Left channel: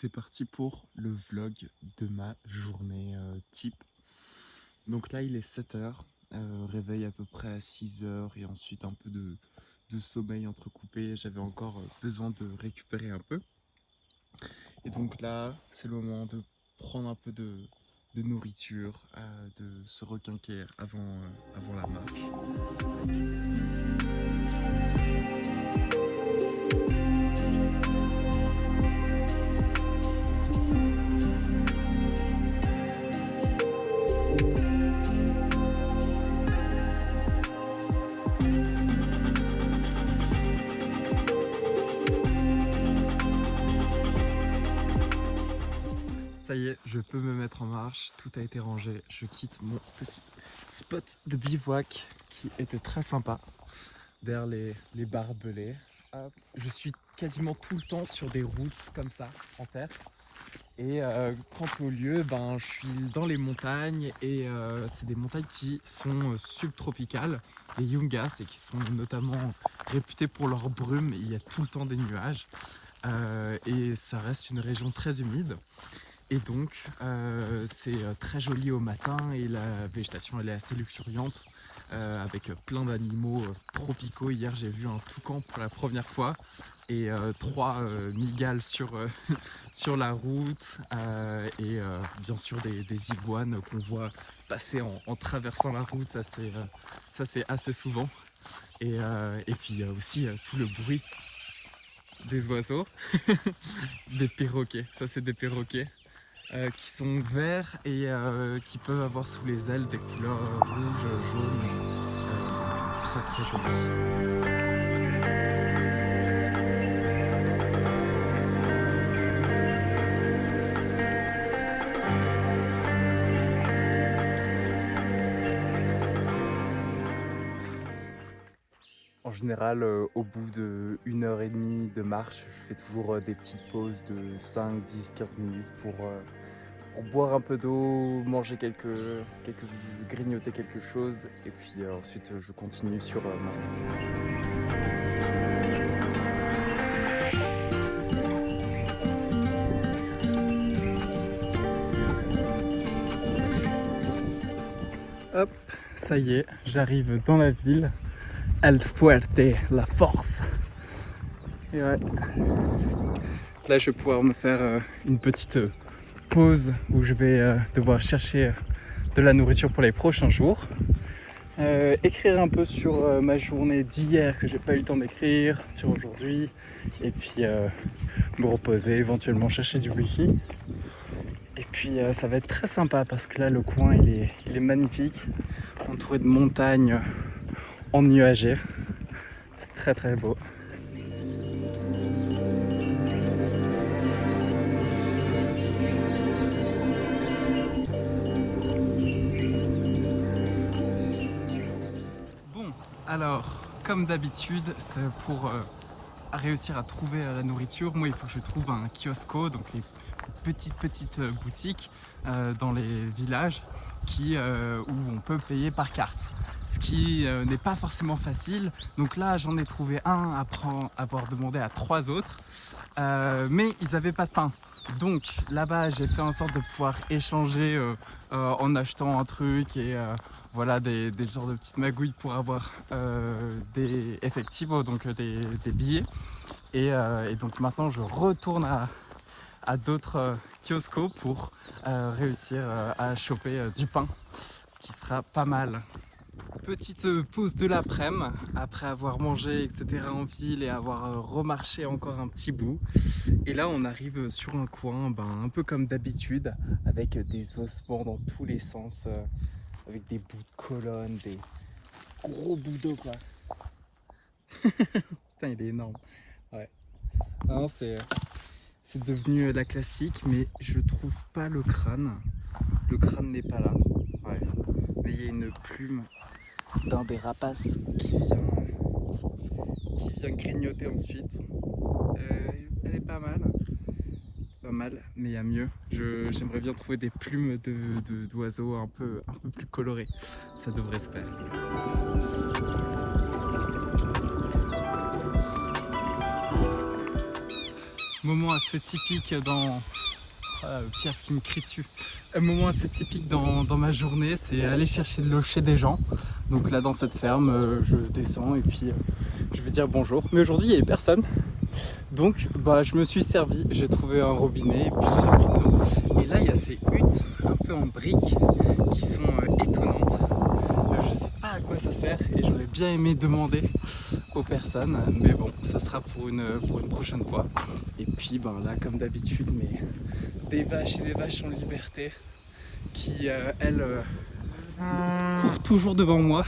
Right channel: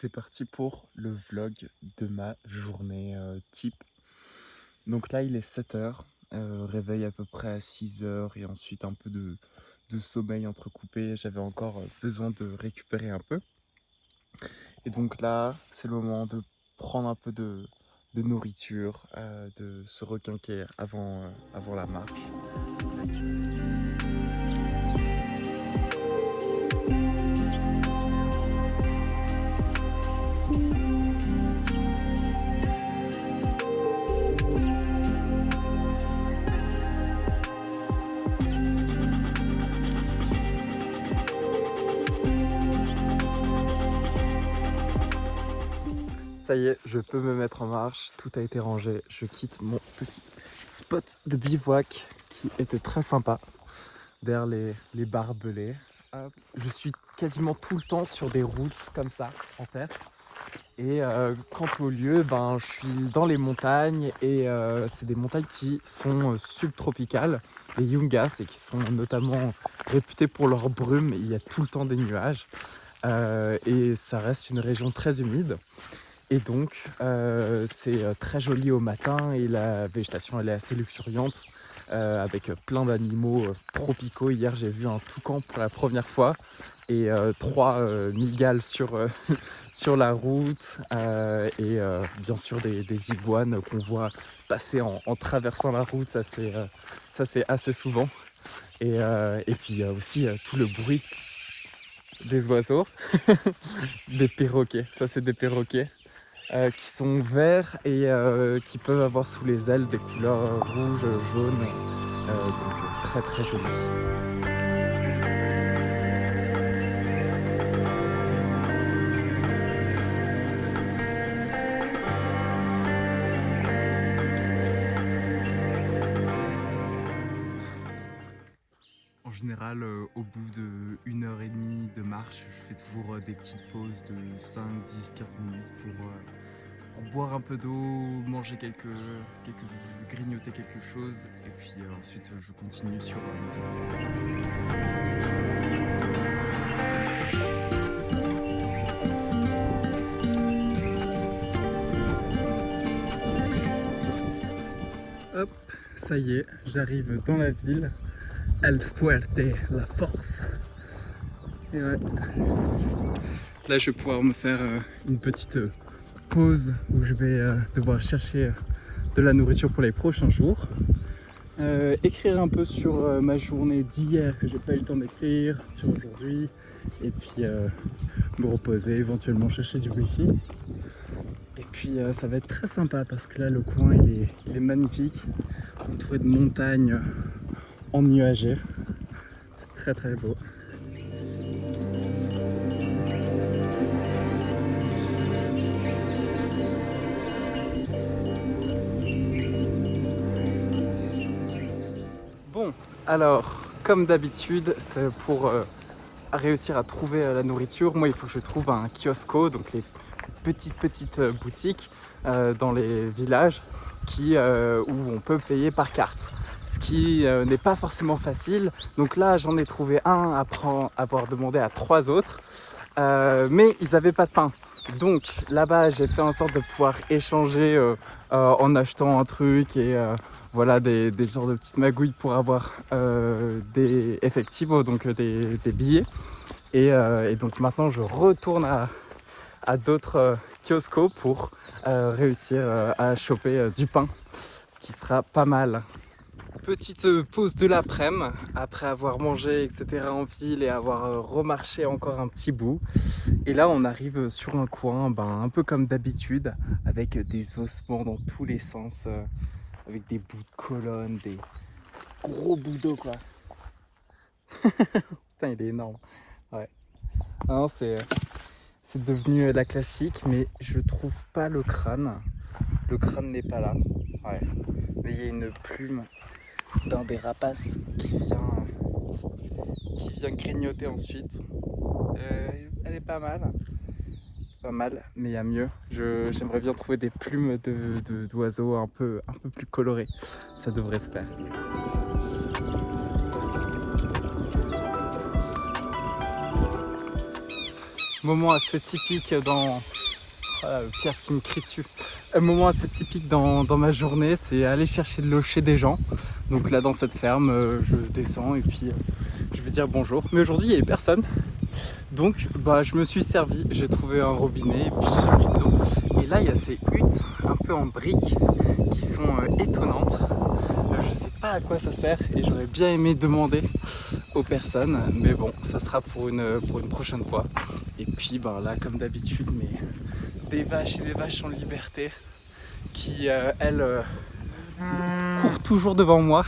c'est parti pour le vlog de ma journée type. Donc là, il est 7 h, réveil à peu près à 6 h et ensuite un peu de sommeil entrecoupé. J'avais encore besoin de récupérer un peu. Et donc là, c'est le moment de prendre un peu de nourriture, de se requinquer avant la marche. Ça y est, je peux me mettre en marche, tout a été rangé. Je quitte mon petit spot de bivouac qui était très sympa, derrière les barbelés. Je suis quasiment tout le temps sur des routes comme ça, en terre. Et quant au lieu, je suis dans les montagnes et c'est des montagnes qui sont subtropicales, les Yungas, et qui sont notamment réputées pour leur brume. Il y a tout le temps des nuages et ça reste une région très humide. Et donc, c'est très joli au matin et la végétation elle est assez luxuriante avec plein d'animaux tropicaux. Hier, j'ai vu un toucan pour la première fois et 3 mygales sur la route et bien sûr des iguanes qu'on voit passer en traversant la route. Ça, c'est assez souvent. Et puis aussi tout le bruit des oiseaux, des perroquets. Ça, c'est des perroquets. Qui sont verts et qui peuvent avoir sous les ailes des couleurs rouges, jaunes, donc très très jolies. En général, au bout de 1 h 30 de marche, je fais toujours des petites pauses de 5, 10, 15 minutes pour boire un peu d'eau, manger grignoter quelque chose, et puis ensuite je continue sur ma route. Hop, ça y est, j'arrive dans la ville. El Fuerte, la force. Et ouais, là je vais pouvoir me faire une petite pause où je vais devoir chercher de la nourriture pour les prochains jours. Écrire un peu sur ma journée d'hier que j'ai pas eu le temps d'écrire, sur aujourd'hui, et puis me reposer, éventuellement chercher du wifi. Et puis ça va être très sympa parce que là le coin il est magnifique, entouré de montagnes ennuagées. C'est très très beau. Bon, alors, comme d'habitude, c'est pour réussir à trouver la nourriture. Moi, il faut que je trouve un kiosco, donc les petites boutiques dans les villages où on peut payer par carte. Ce qui n'est pas forcément facile. Donc là, j'en ai trouvé un après avoir demandé à 3 autres. Mais ils n'avaient pas de pain. Donc là-bas, j'ai fait en sorte de pouvoir échanger en achetant un truc et voilà des genres de petites magouilles pour avoir des effectivos, donc des billets. Et donc maintenant, je retourne à d'autres kioscos pour réussir à choper du pain, ce qui sera pas mal. Petite pause de l'après-midi, après avoir mangé, etc. en ville et avoir remarché encore un petit bout. Et là, on arrive sur un coin, un peu comme d'habitude, avec des ossements dans tous les sens, avec des bouts de colonnes, des gros bouts d'eau, quoi. Putain, il est énorme. Ouais. Non, c'est devenu la classique, mais je trouve pas le crâne. Le crâne n'est pas là. Ouais. Mais il y a une plume d'un des rapaces qui vient grignoter ensuite. Elle est pas mal. Pas mal, mais il y a mieux. J'aimerais bien trouver des plumes d'oiseaux un peu plus colorées. Ça devrait se faire. moment assez typique dans... Voilà, le Pierre qui me crie dessus. Un moment assez typique dans ma journée, c'est aller chercher de l'eau chez des gens. Donc là dans cette ferme, je descends et puis je vais dire bonjour. Mais aujourd'hui il n'y avait personne. Donc bah, je me suis servi, j'ai trouvé un robinet et puis j'ai pris de l'eau. Et là il y a ces huttes un peu en briques qui sont étonnantes. Je sais pas à quoi ça sert et j'aurais bien aimé demander aux personnes, mais bon, ça sera pour une prochaine fois. Et puis ben là, comme d'habitude, mais des vaches et des vaches en liberté qui, elles, courent toujours devant moi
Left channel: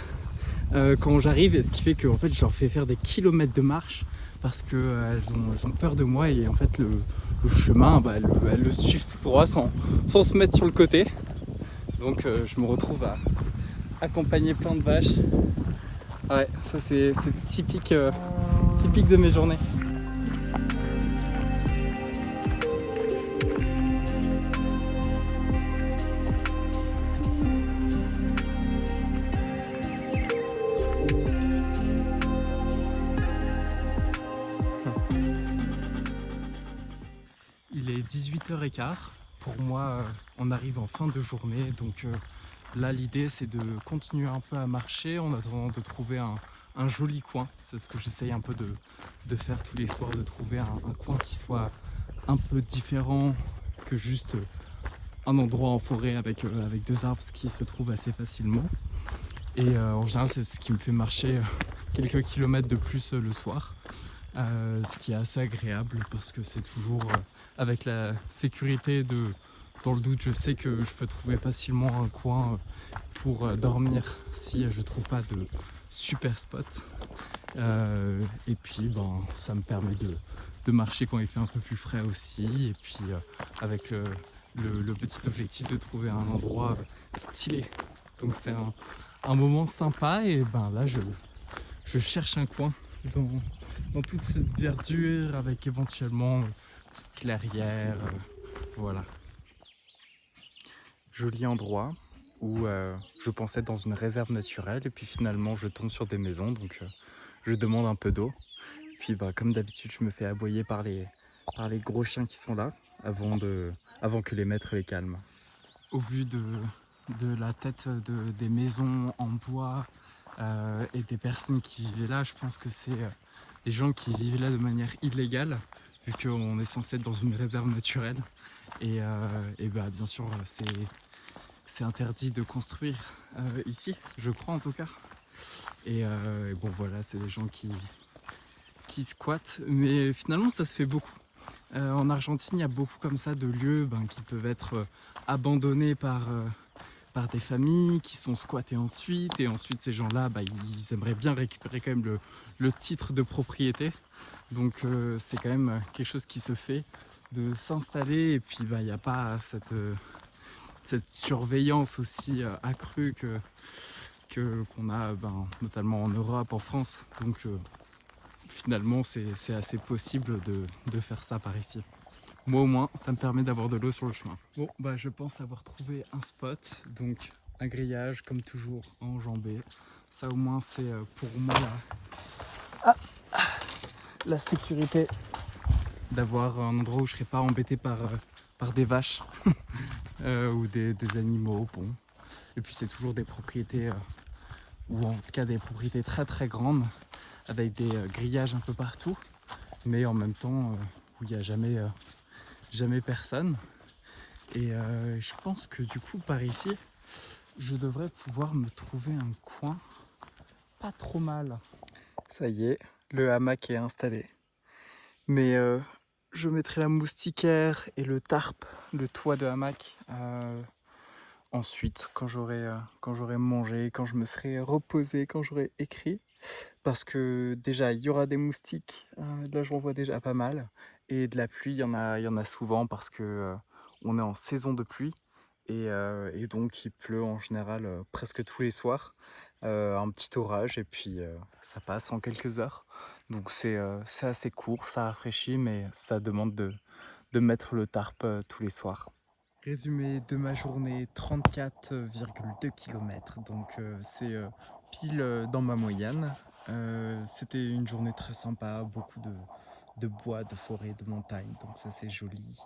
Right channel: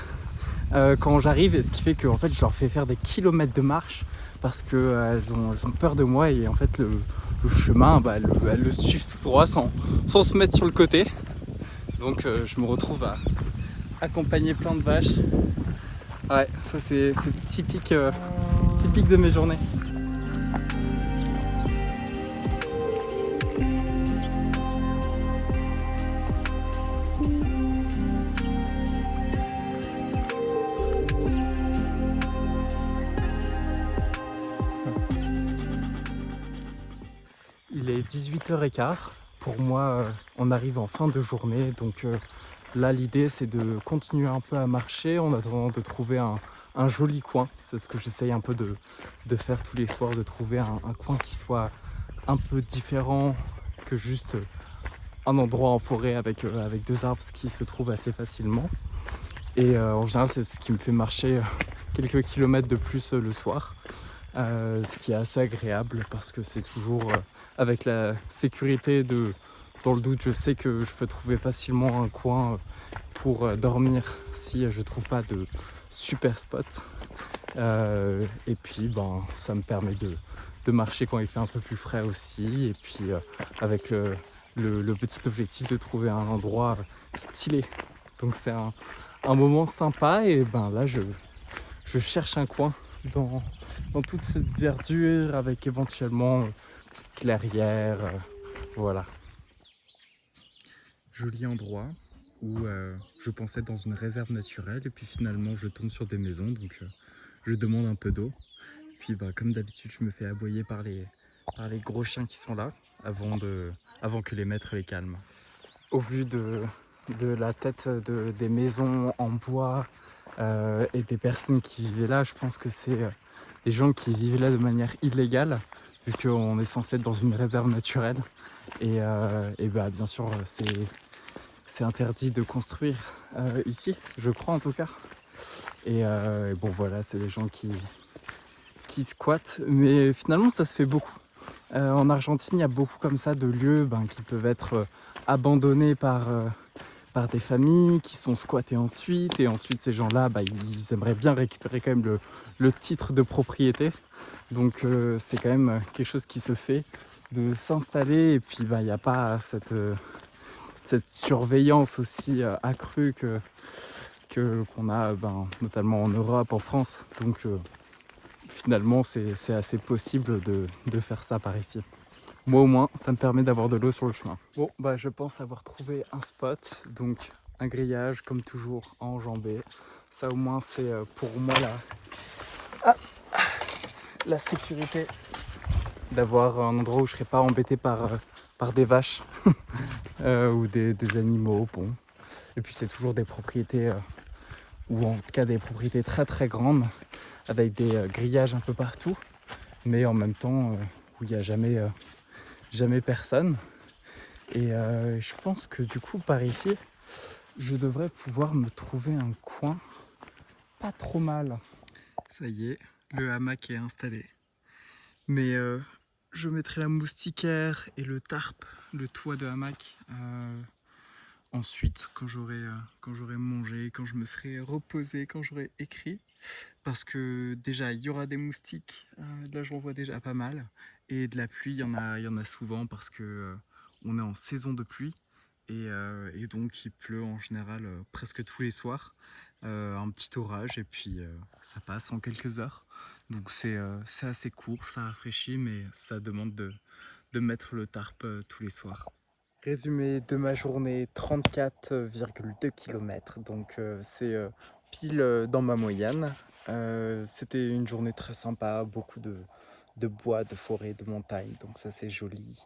quand j'arrive, et ce qui fait que en fait, je leur fais faire des kilomètres de marche parce que elles ont peur de moi et en fait le chemin, bah, elles le suivent tout droit sans se mettre sur le côté. Donc je me retrouve à accompagner plein de vaches. Ouais, ça c'est typique, typique de mes journées. Il est 18h15. Pour moi, on arrive en fin de journée. Donc là, l'idée, c'est de continuer un peu à marcher en attendant de trouver un joli coin. C'est ce que j'essaye un peu de faire tous les soirs, de trouver un coin qui soit un peu différent que juste un endroit en forêt avec deux arbres qui se trouvent assez facilement. Et en général, c'est ce qui me fait marcher quelques kilomètres de plus le soir. Ce qui est assez agréable parce que c'est toujours avec la sécurité dans le doute, je sais que je peux trouver facilement un coin pour dormir si je trouve pas de super spot. Et puis ça me permet de marcher quand il fait un peu plus frais aussi. Et puis avec le petit objectif de trouver un endroit stylé. Donc c'est un moment sympa et là je cherche un coin dans toute cette verdure avec éventuellement une petite clairière. Voilà. Joli endroit où je pensais être dans une réserve naturelle et puis finalement je tombe sur des maisons donc je demande un peu d'eau. Puis comme d'habitude je me fais aboyer par les gros chiens qui sont là avant que les maîtres les calment. Au vu de la tête des maisons en bois et des personnes qui vivaient là, je pense que c'est des gens qui vivaient là de manière illégale, vu qu'on est censé être dans une réserve naturelle. Et bien sûr, c'est interdit de construire ici, je crois en tout cas. Et bon voilà, c'est des gens qui squattent, mais finalement ça se fait beaucoup. En Argentine, il y a beaucoup comme ça de lieux qui peuvent être abandonnés par des familles qui sont squattées ensuite. Et ensuite, ces gens-là, ils aimeraient bien récupérer quand même le titre de propriété. Donc c'est quand même quelque chose qui se fait de s'installer. Et puis il n'y a pas cette surveillance aussi accrue qu'on a notamment en Europe, en France. Donc finalement, c'est assez possible de faire ça par ici. Moi au moins, ça me permet d'avoir de l'eau sur le chemin. Bon, je pense avoir trouvé un spot, donc un grillage comme toujours enjambé. Ça au moins c'est pour moi la sécurité d'avoir un endroit où je ne serai pas embêté par des vaches ou des animaux. Bon. Et puis c'est toujours des propriétés, ou en tout cas des propriétés très très grandes, avec des grillages un peu partout, mais en même temps où il n'y a jamais personne. Et je pense que du coup par ici, je devrais pouvoir me trouver un coin pas trop mal. Ça y est, le hamac est installé. Mais je mettrai la moustiquaire et le tarp, le toit de hamac, ensuite quand j'aurai mangé, quand je me serai reposé, quand j'aurai écrit. Parce que déjà il y aura des moustiques, là j'en vois déjà pas mal. Et de la pluie, il y en a souvent parce que on est en saison de pluie. Et donc il pleut en général presque tous les soirs. Un petit orage et puis ça passe en quelques heures. Donc c'est assez court, ça rafraîchit, mais ça demande de mettre le tarp tous les soirs. Résumé de ma journée, 34,2 km, donc c'est pile dans ma moyenne. C'était une journée très sympa, beaucoup de bois, de forêt, de montagne, donc ça c'est joli.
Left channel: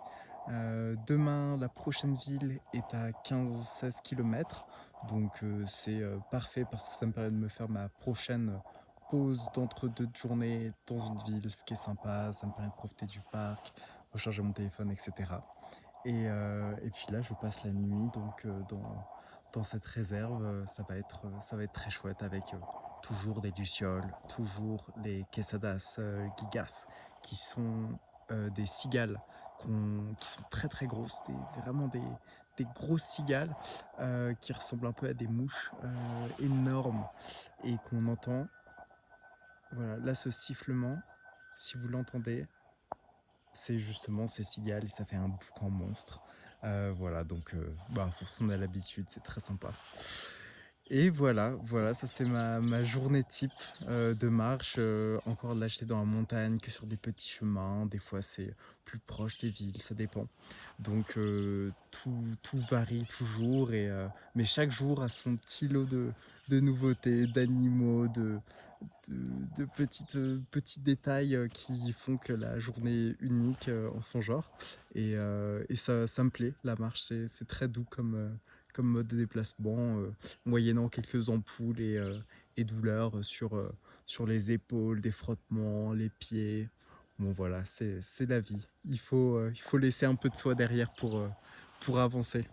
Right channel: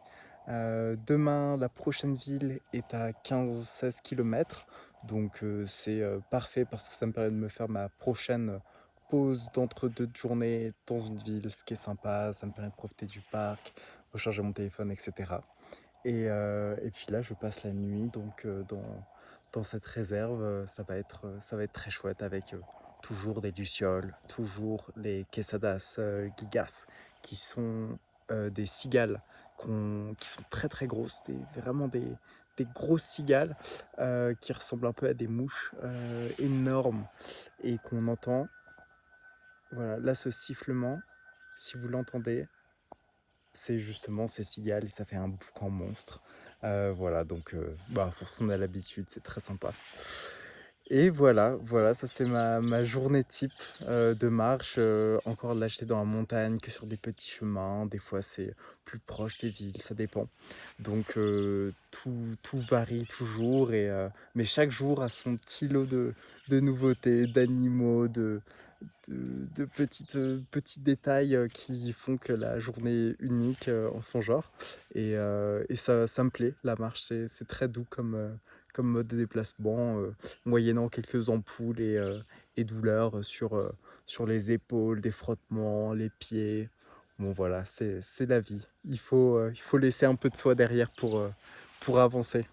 Demain, la prochaine ville est à 15-16 km, donc c'est parfait parce que ça me permet de me faire ma prochaine pause d'entre-deux journées dans une ville, ce qui est sympa, ça me permet de profiter du parc, recharger mon téléphone, etc. Et puis là, je passe la nuit donc dans cette réserve. Ça va être très chouette avec toujours des lucioles, toujours les quesadas gigas, qui sont des cigales qui sont très très grosses, vraiment des grosses cigales qui ressemblent un peu à des mouches énormes et qu'on entend. Voilà, là ce sifflement, si vous l'entendez, c'est justement ces cigales et ça fait un boucan monstre. Voilà, donc bah, force on a l'habitude, c'est très sympa. Et voilà, ça c'est ma journée type de marche. Encore là, j'étais dans la montagne, que sur des petits chemins. Des fois, c'est plus proche des villes, ça dépend. Donc tout varie toujours, mais chaque jour a son petit lot de nouveautés, d'animaux, de petits détails qui font que la journée est unique en son genre. Et ça me plaît, la marche, c'est très doux comme mode de déplacement, moyennant quelques ampoules et douleurs sur les épaules, des frottements, les pieds. Bon voilà, c'est la vie. Il faut laisser un peu de soi derrière pour avancer.